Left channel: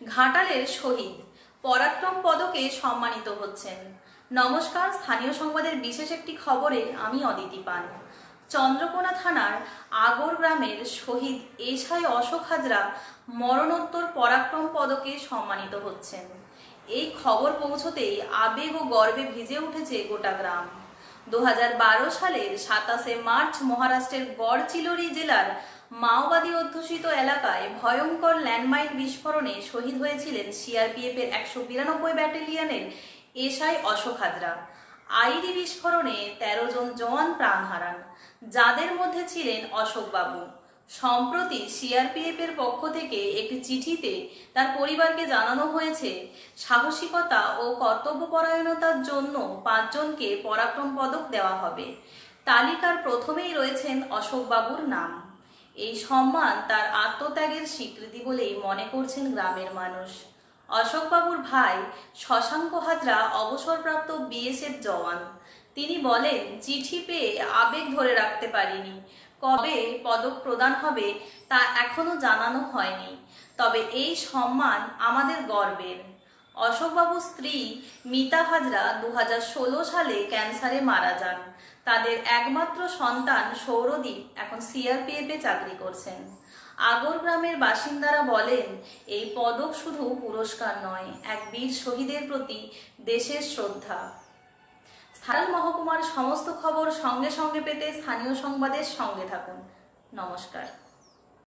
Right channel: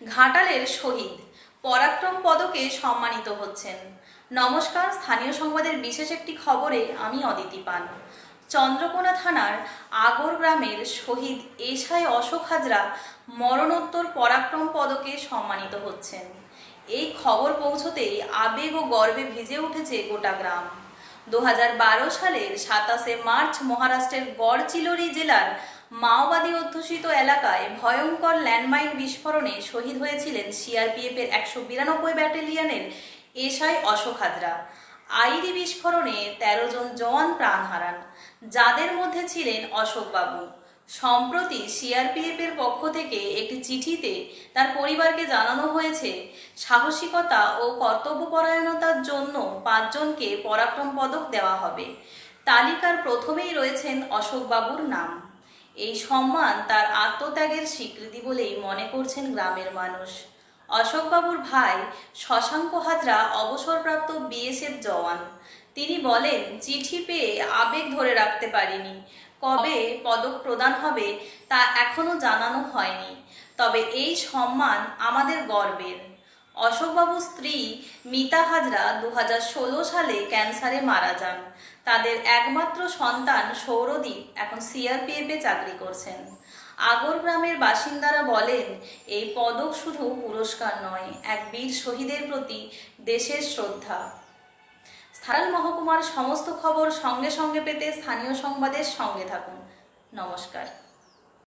ঘাটালের শহীদ পরাক্রম পদকে সম্মানিত হচ্ছেন। নমস্কার, স্থানীয় সংবাদের বিশেষ একটি খবরে আমি অদিতি পান। চন্দ্রকোনা থানার আগর গ্রামের শহীদ এসআই অশোক হাজরা মরণোত্তর পরাক্রম পদকে সম্মানিত হচ্ছেন। এই খবর পৌঁছতেই আবেগ ও গর্বে ভিজে উঠেছে গোটা গ্রাম। 2012 সালের 27শে মার্চ মহারাষ্ট্রের গড়চিরোলি জেলার মাওবাদী অধ্যুষিত এলাকায় ভয়ঙ্কর ল্যান্ডমাইন বিস্ফোরণে শহীদ হয়েছিলেন সিআরপিএফের 192 ব্যাটালিয়নের এসআই অশোক হাজরা। আইডি বিস্ফোরণে 13 জন জওয়ান প্রাণ হারান, যাদের মধ্যে ছিলেন অশোক বাবু। সম্প্রতি সিআরপিএফের পক্ষ থেকে একটি চিঠিতে তার পরিবারকে জানানো হয়েছে, সাহসিকতা ও কর্তব্যপরায়ণতার জন্য 5 জনকে পরাক্রম পদক দেওয়া হবে। তালিকার প্রথমেই রয়েছেন অশোক বাবুর নাম। এই সম্মান তার আত্মত্যাগের স্বীকৃতি বলেই মনে করছেন গ্রামের মানুষ। অশোক বাবুর ভাই শশাঙ্ক হাজরা অবসরপ্রাপ্ত বিএসএফ জওয়ান। তিনি বলেন, চিঠি পেয়ে আবেগ ধরে রাখতে পারিনি। কবে পদক প্রদান হবে তা এখনো জানানো হয়নি, তবে এই সম্মান আমাদের গর্বের। অশোকবাবুর স্ত্রী মিতা হাজরা 2016 সালে ক্যান্সারে মারা যান। তাদের একমাত্র সন্তান সৌরদীপ এখন সিআরপিএফে চাকরি করছেন। আগর গ্রামের বাসিন্দারা বলেন, এই পদক শুধু পুরস্কার নয়, এক বীর শহীদের প্রতি দেশের শ্রদ্ধা। স্থানীয় মহকুমার সমস্ত খবর সঙ্গে সঙ্গে পেতে স্থানীয় সংবাদের সঙ্গে থাকুন। নমস্কার।